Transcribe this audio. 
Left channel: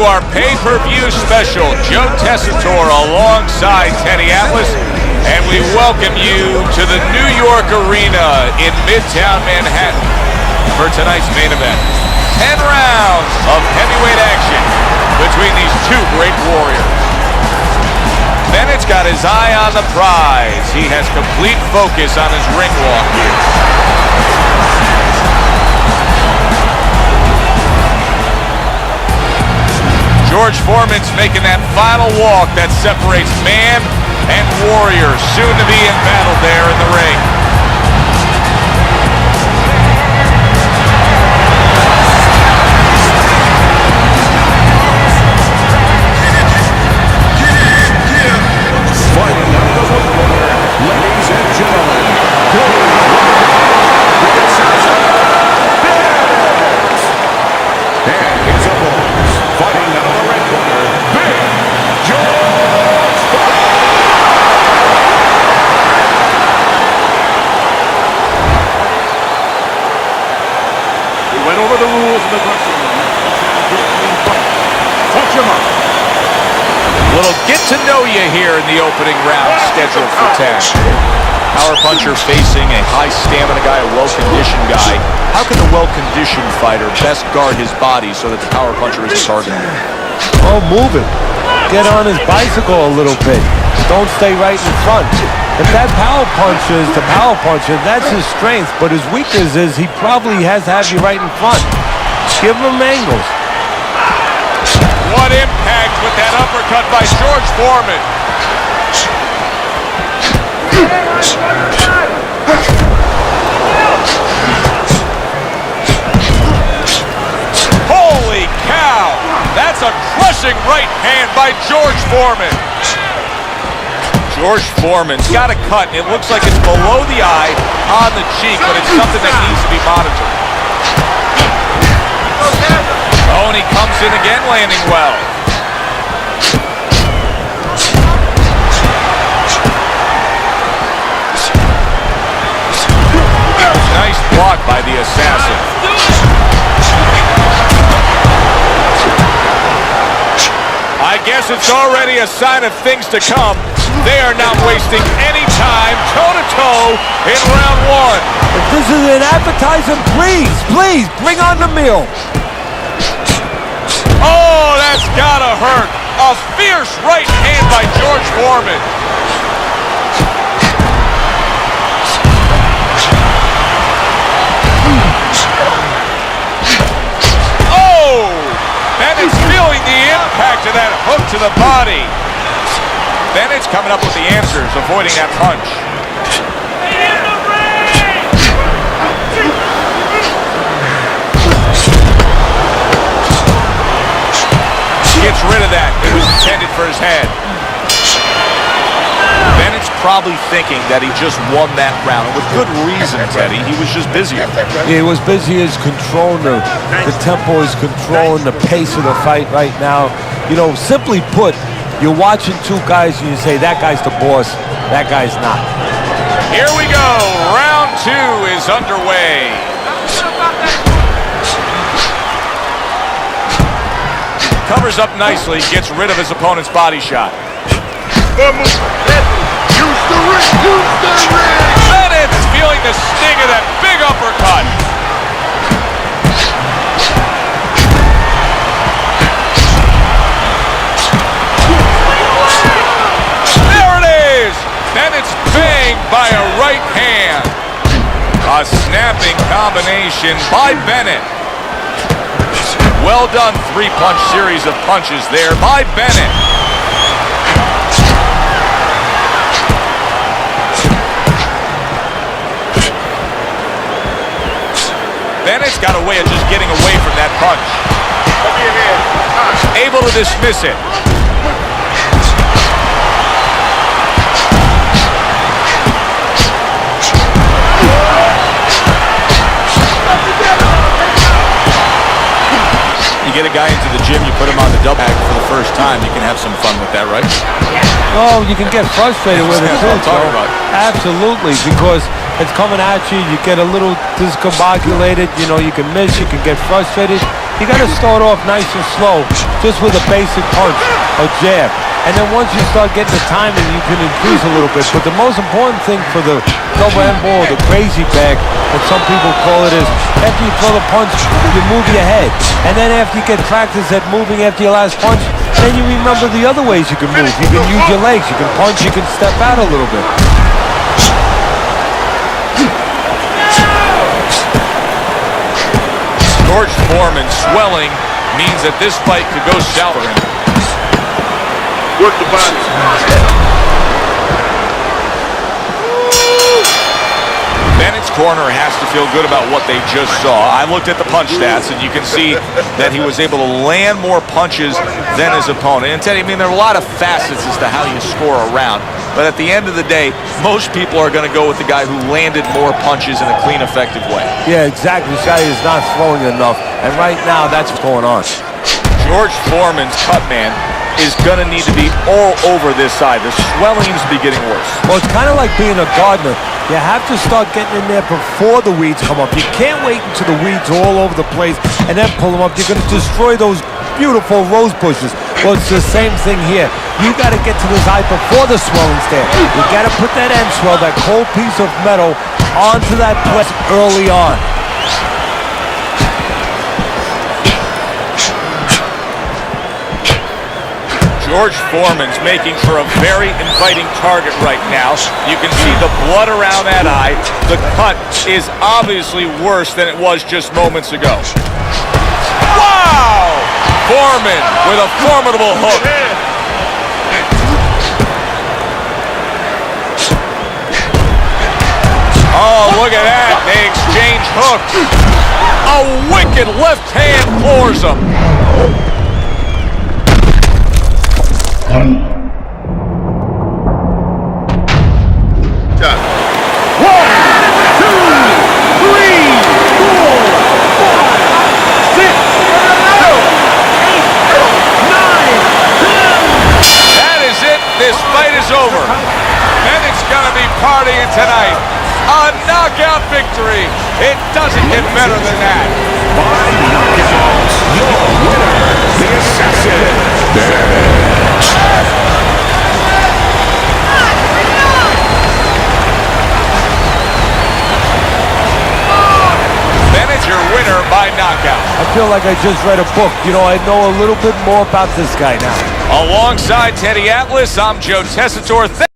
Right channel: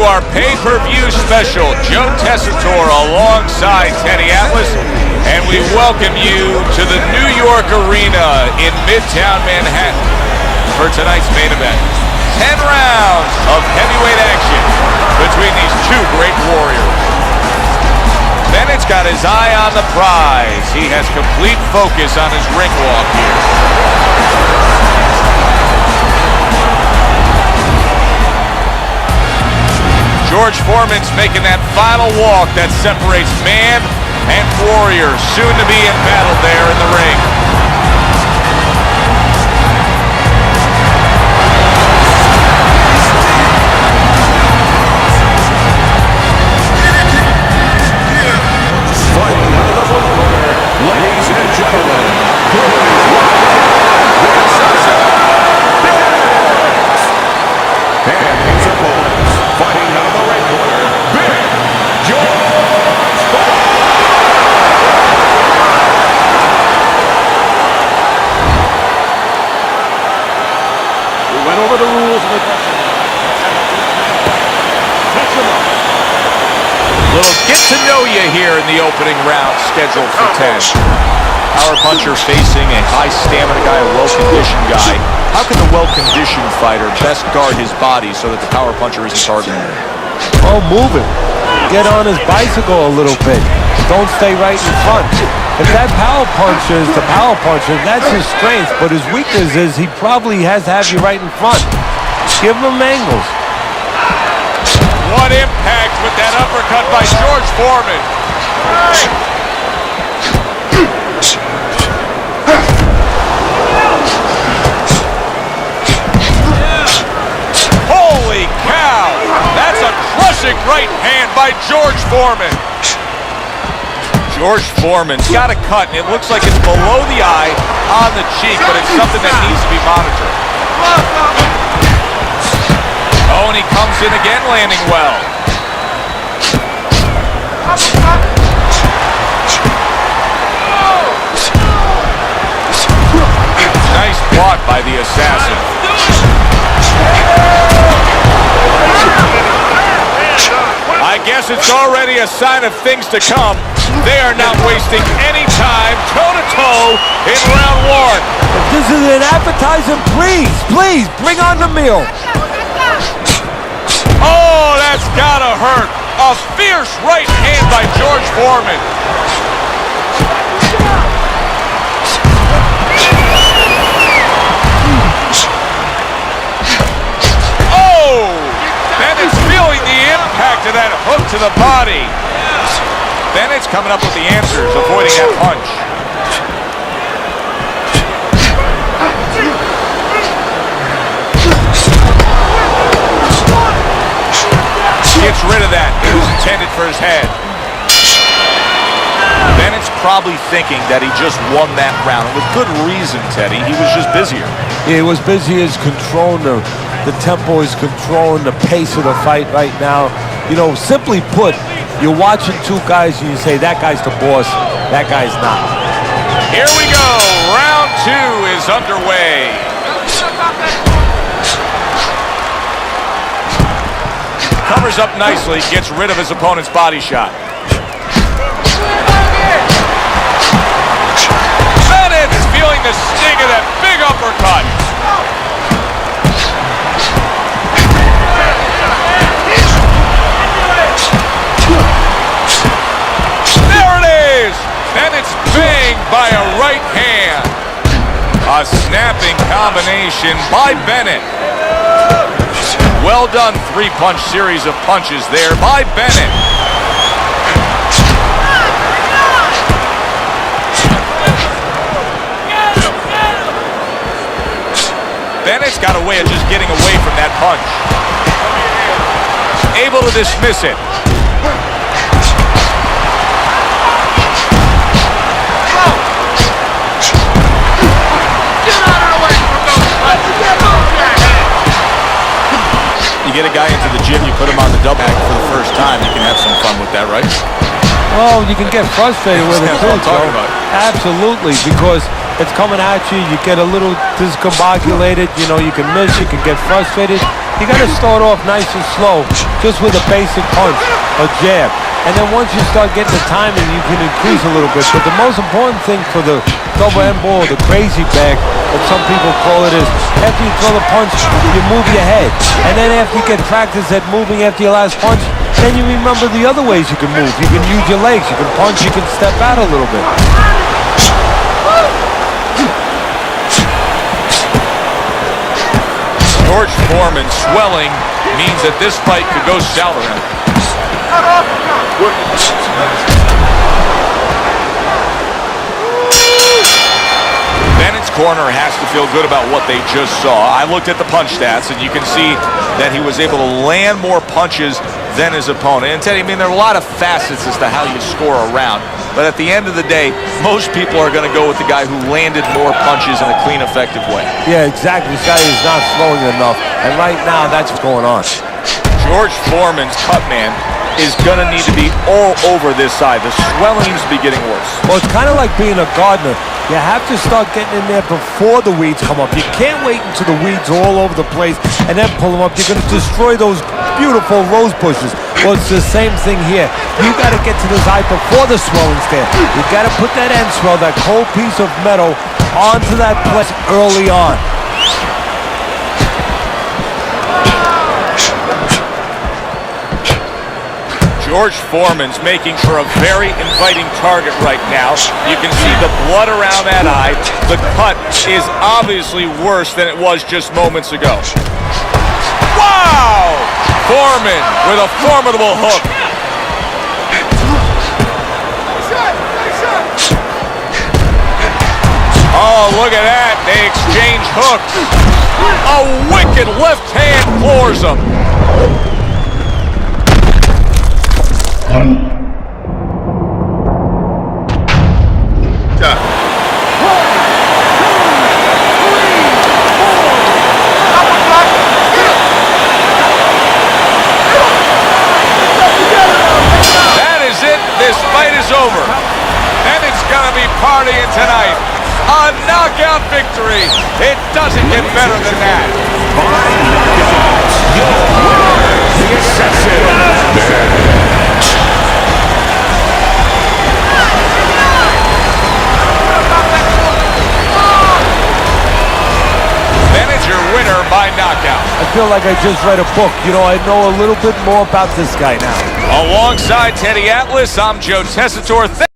to our pay-per-view special. Joe Tessitore alongside Teddy Atlas, and we welcome you to the New York Arena in Midtown Manhattan for tonight's main event. 10 rounds of heavyweight action between these two great warriors. Bennett's got his eye on the prize. He has complete focus on his ring walk here. George Foreman's making that final walk that separates man and warrior, soon to be embattled there in the ring. Fighting out of the blue corner, ladies and gentlemen, please welcome the assassin, Bennett, and his opponents, fighting out of the red corner, Big George Foreman. We went over the rules in the dressing room. Let's have a good clean fight. Touch him up. Little get-to-know-you here in the opening round, scheduled for 10. Power puncher facing a high-stamina guy, a well-conditioned guy. How can the well-conditioned fighter best guard his body so that the power puncher isn't targeting him? Oh, move it. Get on his bicycle a little bit. Don't stay right in front. If that power puncher is the power puncher, that's his strength. But his weakness is he probably has to have you right in front. Give him angles. What impact with that uppercut by George Foreman. Holy cow! That's a crushing right hand by George Foreman. George Foreman's got a cut, and it looks like it's below the eye on the cheek, but it's something that needs to be monitored. Oh, and he comes in again, landing well. Nice block by the assassin. I guess it's already a sign of things to come. They are not wasting any time, toe-to-toe in round one. If this is an appetizer, please, bring on the meal. Oh, that's gotta hurt. A fierce right hand by George Foreman. Oh! Bennett's feeling the impact of that hook to the body. Bennett's coming up with the answers, avoiding that punch. Gets rid of that. It was intended for his head. Bennett's probably thinking that he just won that round, and with good reason, Teddy. He was just busier. He was busy as controlling the tempo, is controlling the pace of the fight right now. You know, simply put, you're watching two guys and you say, that guy's the boss, that guy's not. Here we go. Round two is underway. Covers up nicely, gets rid of his opponent's body shot. Bennett's feeling the sting of that big uppercut. There it is! Bennett's banged by a right hand. A snapping combination by Bennett. Well done, three-punch series of punches there by Bennett. Bennett's got a way of just getting away from that punch. Able to dismiss it. You get a guy into the gym, you put him on the double bag for the first time, you can have some fun with that, right? Well, you can get frustrated with it That's too, what I'm talking about. Absolutely, because it's coming at you, you get a little discombobulated, you know, you can miss, you can get frustrated. You got to start off nice and slow, just with a basic punch, a jab. And then once you start getting the timing, you can increase a little bit. But the most important thing for the double end ball, the crazy bag, that some people call it, is after you throw the punch, you move your head. And then after you get practice at moving after your last punch, then you remember the other ways you can move. You can use your legs, you can punch, you can step out a little bit. George Foreman swelling means that this fight could go south for him. Bennett's corner has to feel good about what they just saw. I looked at the punch stats, and you can see that he was able to land more punches than his opponent. And Teddy, I mean, there are a lot of facets as to how you score a round, but at the end of the day, most people are going to go with the guy who landed more punches in a clean, effective way. Yeah, exactly. This guy is not throwing enough, and right now, that's what's going on. George Foreman's cut man is going to need to be all over this side. The swelling seems to be getting worse. Well, it's kind of like being a gardener. You have to start getting in there before the weeds come up. You can't wait until the weeds are all over the place and then pull them up. You're going to destroy those beautiful rose bushes. Well, it's the same thing here. You got to get to this eye before the swelling's there. You got to put that end swell, that cold piece of metal, onto that place early on. George Foreman's making for a very inviting target right now. You can see the blood around that eye. The cut is obviously worse than it was just moments ago. Wow! Foreman with a formidable hook. Oh, look at that. They exchange hooks. A wicked left hand floors him. This fight is over. Bennett's gonna be partying tonight. A knockout victory. It doesn't get better than that. By knockout, your winner, the Assassin, Bennett. Bennett, your winner by knockout. I feel like I just read a book. You know, I know a little bit more about this guy now. Alongside Teddy Atlas, I'm Joe Tessitore.